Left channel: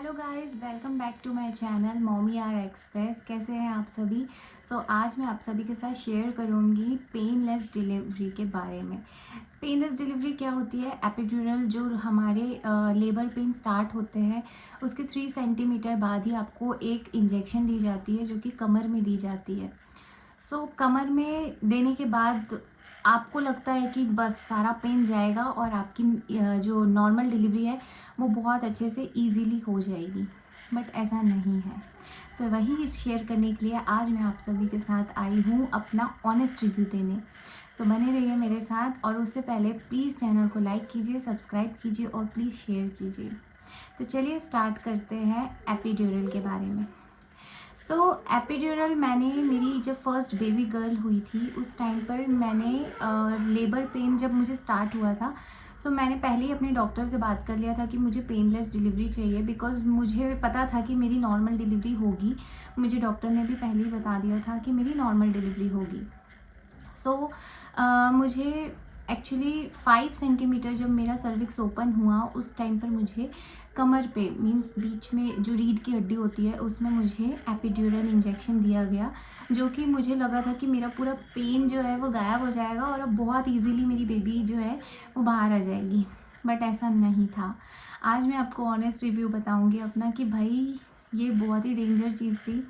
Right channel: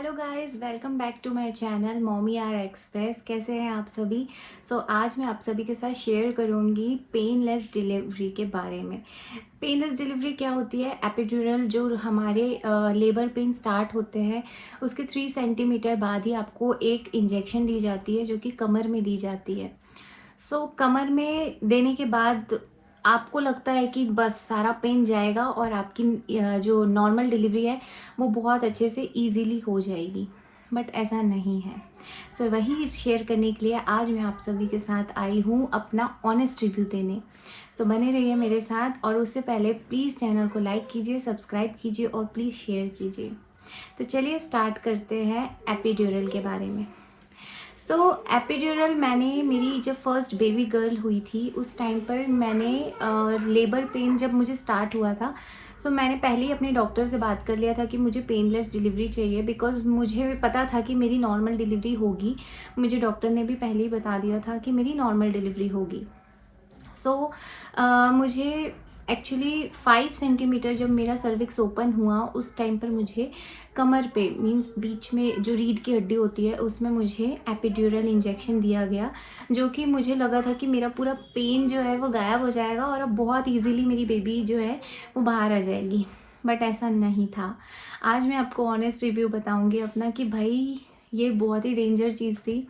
Hello guys, welcome back to my channel Mommy R Express. कैसे हैं आप सभी? आज मैं आप सभी के साथ शेयर करूंगी पेनलेस डिलीवरी के बारे में। पेनलेस डिलीवरी क्या होती है? एपिड्यूरल जो हमारे लेबर पेन स्टार्ट होते हैं उसके 3 सेंटीमीटर बाद ही आपको एक इंजेक्शन दी जाती है जो कि कमर में दी जाती है। कमर में देने के बाद आपको लगता है कि बस सारा पेन जाएगा और आपकी जो नॉर्मल डिलीवरी है वो बहुत अच्छे से इजीली हो जाएगी, बट ऐसा नहीं है। वही शेयर करने के लिए आज मैं आप सभी के साथ आई हूँ अपना ऑनेस्ट रिव्यू देने। बने रहिए मेरे साथ, और उससे पहले प्लीज़ चैनल को लाइक कीजिए, सब्सक्राइब कीजिए और प्लीज़ शेयर कीजिए। तो चलिए स्टार्ट करते हैं एपिड्यूरल के बारे में। एपिड्यूरल मैंने मेरी जब फर्स्ट बेबी गर्ल हुई थी उस टाइम पर मैंने लेबर पेन जब मुझे स्टार्ट हुआ था, मैंने पहले ही अपने डॉक्टर से बात कर लिया था कि मुझे पेनलेस डिलीवरी चाहिए, बिकॉज़ मुझे भी पता था कि मेरी नॉर्मल डिलीवरी होगी। मुझे डॉक्टर ने भी पहले ही बता दिया था कि मेरी नॉर्मल डिलीवरी होगी। मुझे एक्चुअली 5 सेंटीमीटर जब मेरा सर्विक्स ओपन हुआ उस टाइम पर मुझे कमर पे मींस बीच में जो रीढ़ की हड्डी होती है उसमें मुझे एपिड्यूरल इंजेक्शन दिया गया, जो कि मुझे लगा था कि मेरा पूरा पेन जो है वो गायब हो जाएगा और अब बहुत इजीली मेरी बेबी जो है वो बाहर आ जाएगी, बट ऐसा नहीं था। आज मैं आपको ऑनेस्ट रिव्यू बताऊंगी अपना कि भाई ये बहुत ही डेंजर चीज़ थी।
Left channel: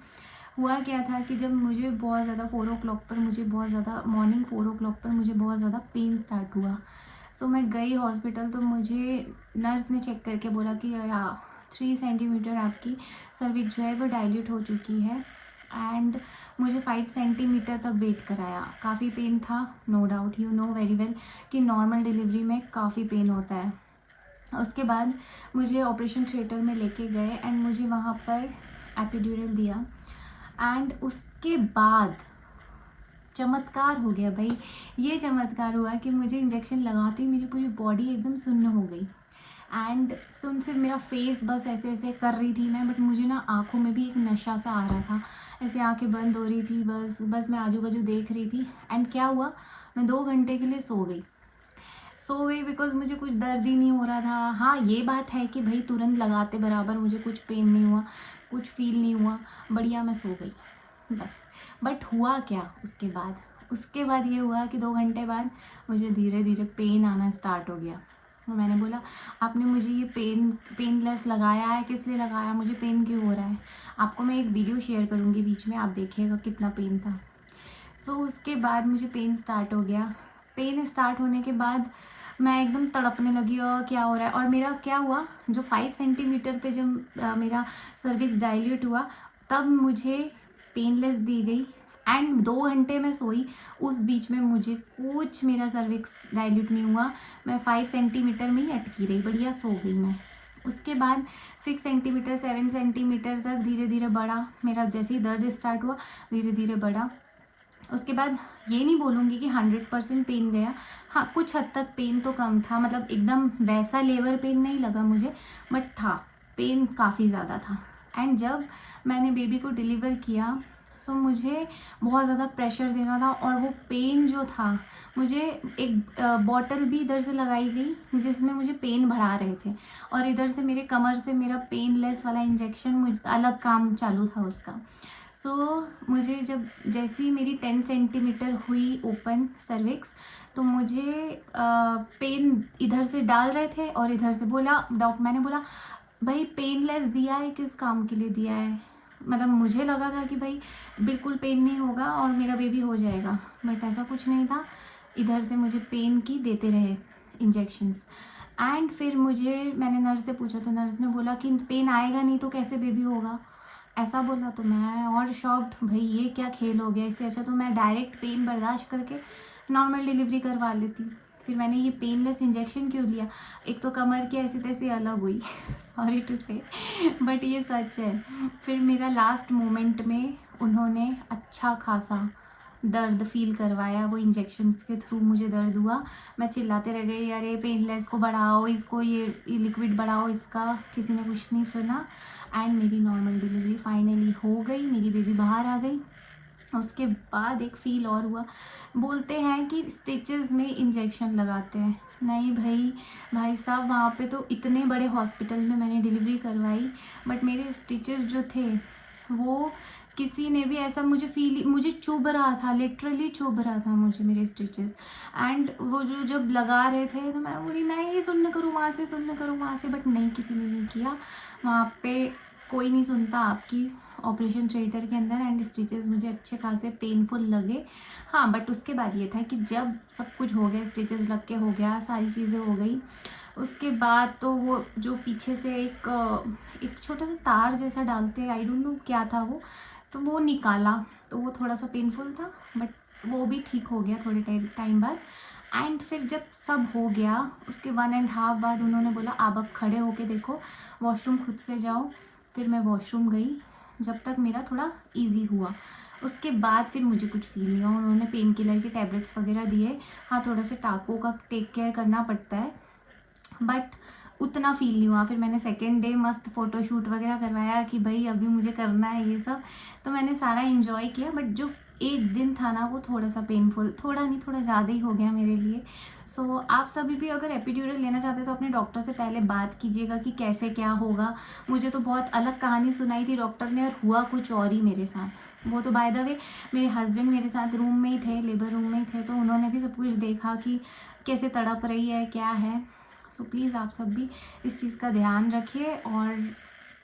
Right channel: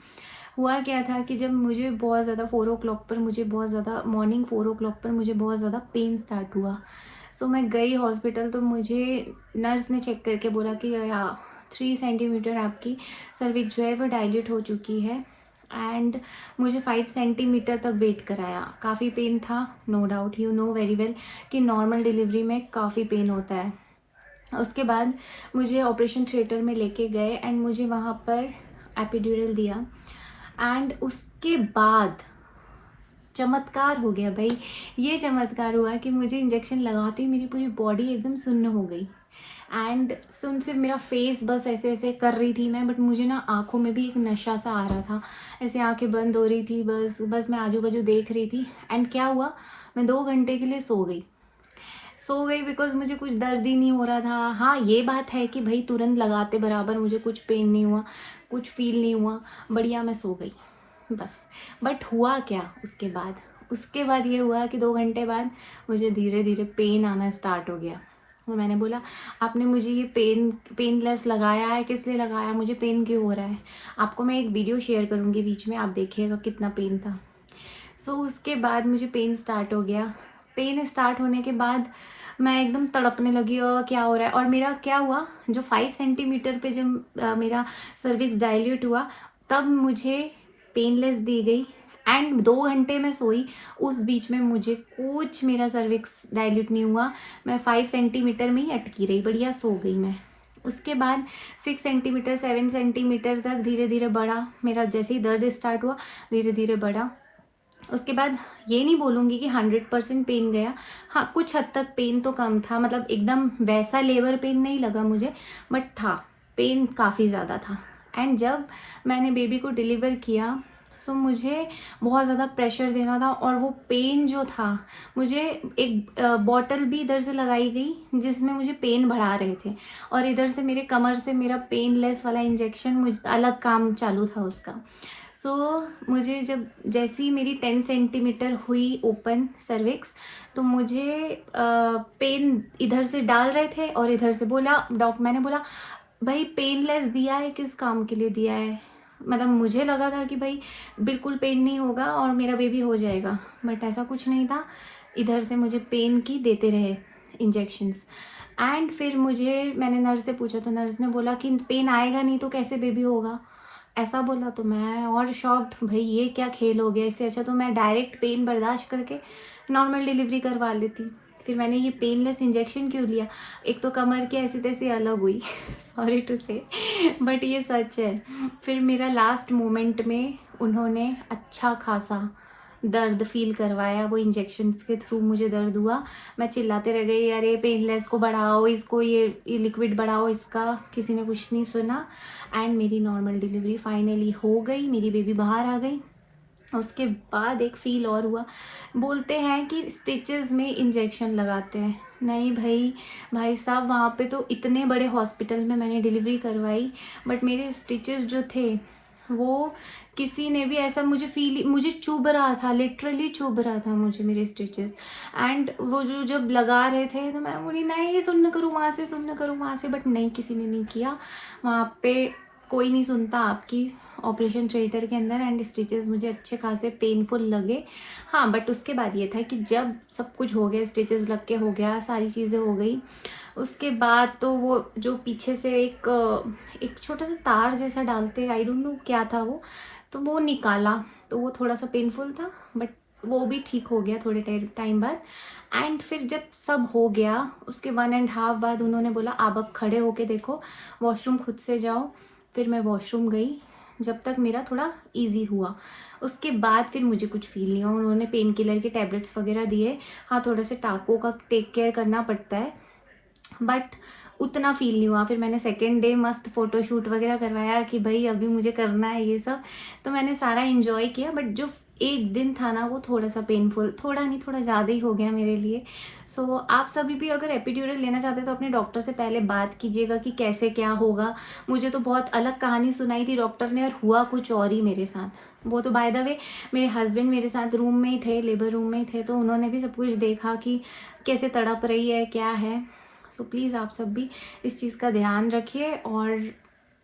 हुआ क्या था कि जब मुझे बहुत ज़्यादा 4 o'clock पर मुझे बहुत ज़्यादा मॉर्निंग 4 o'clock पर मुझे बहुत ज़्यादा पेन स्टार्ट हुआ। मैं गई हॉस्पिटल, तो मुझे नर्स ने चेक करके बोला कि 3 सेंटीमीटर आपकी सर्विक्स जो है वो डायलेट हो चुकी है, एंड मुझे 5 सेंटीमीटर तक वेट कराया। काफ़ी पेन था, no doubt, you know very well कि नॉर्मल डिलीवरी में काफ़ी पेन होता है। उसके बाद मुझे ऑपरेशन थिएटर में लेके गए एंड मुझे वहाँ पर एपिड्यूरल दिया, एंड उसके बाद चमत्कार हो गया भाई। ये चमत्कार हुआ कि मुझे इंजेक्शन लगाते ही मेरी पूरी बॉडी एकदम सुन्न हो गई, एंड सुन से मेरा फेस बस ऐसे ऐसे कर रही थी मैं, बट मुझे ना आँखों में भी एक नशा सा आ रहा था, ऐसे आंखें बंद हो रही थी, बस मैं आजू बाजू देख रही थी। एंड क्या हुआ, मैं 2 घंटे के लिए सो गई बिकॉज मुझे कुछ दर्द ही नहीं हो रहा था। हाँ, ये बात है कि भाई तुरंत लगाते बराबर मुझे कुछ पेन नहीं हुआ, कुछ फील नहीं हुआ, बढ़िया मैं सो गई बस। बट हुआ क्या उसके बाद ये हुआ कि 2 घंटे बाद मुझे धीरे धीरे पेन आना स्टार्ट हो गया। तो मैंने बोला, आपने मुझे ये पेनलेस लगाया है, किस लिए लगाया, मुझे पेन क्यों हो रहा है? आपको मैं एक वीडियो शेयर करूँगी बीच में, आप देखिएगा कितना पेन था। उसके बाद मुझे पेन स्टार्ट हो गया। पेन स्टार्ट होने के बाद मैं एकदम तड़पने लगी, और क्या हो रहा है। और मेरा क्या हुआ, जो 5 सेंटीमीटर पे जब मेरा सर्विक्स डायल्यूट हुआ तब मुझे पेनलेस दी गई, एंड 2 घंटे में सोई। उस बीच में मुझे कुछ मेरा सर्विक्स डायल्यूट नहीं हुआ, मैं 5 सेंटीमीटर में ही अटकी रही, बढ़िया सो गई मैं। उसके बाद 6 सेंटीमीटर 7 सेंटीमीटर तक धीरे धीरे बढ़ा मेरा, जैसे ही दर्द स्टार्ट हुआ धीरे धीरे बढ़ा। उसके बाद ये नहीं बोलूँगी कि 100% पेन गया, हाँ कुछ हद तक पेन तो कम था, मतलब एकदम वैसा लेबर पेन नहीं लगा मुझे, बट था, पेन काफ़ी ज़्यादा था। एंड जब मैंने बेबी को डिलीवर किया, मुझे बहुत ज़्यादा प्रेशर देना था, और वो पेन जो था, मुझे एक बॉटल भी इधर से लगाई गई जिसमें मुझे पेन बढ़ा रहे थे, और इधर से मेरे कमर से मेरा पेनलेस वाला इंजेक्शन मुझे अलग काम चालू था उसका। मुझे जब जैसी मेरी 10 सेंटीमीटर हुई ओपन सर्विक्स, तो मुझे पेन इधर से डाल रहे थे और इधर से बोला मैंने बोला, भाई पेनलेस दिया है, किस काम के लिए दिया है? मतलब मुझे लगा था कि भाई बिल्कुल पेन नहीं होगा और मेरा बेबी हो जाएगा, बट ऐसा कुछ नहीं था। इधर से मुझे पेन की देते रहे इंजेक्शंस, एंड फिर मैंने नर्स से पूछा, तो नर्स ने बोला कि पेन आएगा नहीं तो कैसे बेबी होगा, ऐसा बोला। तो मैं और शॉक्ड, भाई ये क्या खेल हो गया, इससे अच्छा तो मैं डायरेक्ट पेन बर्दाश्त करके नॉर्मल डिलीवरी करवा लेती। फिर मैंने ये पेनलेस इंजेक्शन क्यों लिया? एक तो कमर की ऐसी तैसी अलग हुई सॉरी टू से, बट ये सच है। फिर मेरा लास्ट मोमेंट में उन्होंने अच्छा खासा दर्द फील करवाया, वो इंजेक्शन्स के थ्रू मुझे दर्द हुआ। मैं चिल्लाते रह गई, अरे पेनलेस को बढ़ाओ, इसको ये लिक्विड बढ़ाओ इसका, किसी ने कुछ नहीं सुना। एंड मेरी नॉर्मल डिलीवरी फाइनली हो गई, मेरी बेबी बाहर आ गई। उसके बाद एक फ़ील और हुआ, बोलते हैं कि स्टिचेस में इंजेक्शन लगाते हैं, नहीं भाई, भाई साहब वहाँ पे तो इतने बड़े हॉस्पिटल में मैंने डिलीवरी करवाई, बट मेरे स्टिचेस जो थे वो किसी ने भी ऐसा मुझे चुभ रहा था, लिटरली चुभ रहा था मुझे मेरे स्टिचेस। एंड वो जो जब लगा रहे थे तो मैं बोली नहीं, सुन्न करूँ वहाँ से, सुन्न करूँ वहाँ से, बट नहीं, किसी ने नहीं किया। वहाँ पे कोई नहीं सुनता आपकी ऑपरेशन थिएटर के अंदर। एंड स्टिचेस मुझे अच्छे खासे पेनफुल लगे। हाँ, बट उसके बाद ये था कि जब सब कुछ हो गया, स्टिचेस लग के हो गया, सारी चीज़ें हो गई, उसके बाद तो वो जो पीछे से एक छोटा सा तार जैसा डालते, आई डोंट नो क्या था वो, तो वो निकाला, तो वो थोड़ा सा पेनफुल था, बट वो भी ठीक हो गया थोड़े टाइम बाद। एंड फिर जब सब हो गया, उसके 1.5 बाद उन्होंने बोला आप अब खड़े होके देखो, वॉशरूम खुद से जाओ। फिर मैं वॉशरूम गई, जब तक मेरा थोड़ा इजी हुआ। उसके बाद फिर मुझे कुछ फील नहीं हुआ। उन्होंने पेन किलर के टैबलेट्स वगैरह दिए। हाँ, थोड़ा सा टाँकों का टेक केयर करना पड़ता है, बट उतना फील नहीं हुआ। फिर मैंने सेकेंड डे मस्त फ़ोटोशूट वगैरह करवाया कि भाई अभी मुझे करना है ये सब, तो मैंने सारा इन्जॉय किया। बट जो एक दिन था ना, वो थोड़ा सा पेनफुल, थोड़ा नहीं थोड़ा ज़्यादा ही हो गया मेरे लिए। सो आप सभी भी अगर एपिड्यूरल लेना चाहते हैं तो अपने डॉक्टर से पहले बात कीजिएगा कि कैसे क्या होगा। मुझे तो बहुत अलग कहानी सुनाई थी डॉक्टर ने, और हुआ कुछ और ही मेरे साथ। वो तो बाय द वे मेरे हस्बैंड मेरे साथ रूम में ही थे, लेबर रूम में ही थे, तो उन्होंने भी सब कुछ देखा कि कैसे तड़प रही है, क्या है। सो प्लीज़ आप सब भी इस चीज़ का ध्यान रखिए और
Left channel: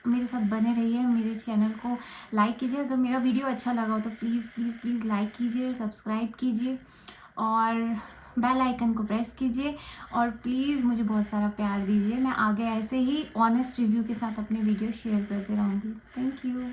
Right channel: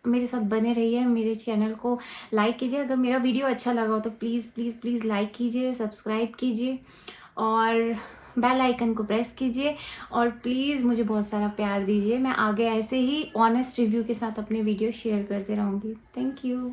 मेरे साथ बने रहिए। मेरे चैनल को लाइक कीजिए, अगर मेरा वीडियो अच्छा लगा हो तो प्लीज़ प्लीज़ प्लीज़ लाइक कीजिए, सब्सक्राइब कीजिए और बेल आइकन को प्रेस कीजिए। और प्लीज़ मुझे बहुत सारा प्यार दीजिए। मैं आगे ऐसे ही ऑनेस्ट रिव्यू के साथ अपने वीडियो शेयर करते रहूँगी। Thank you.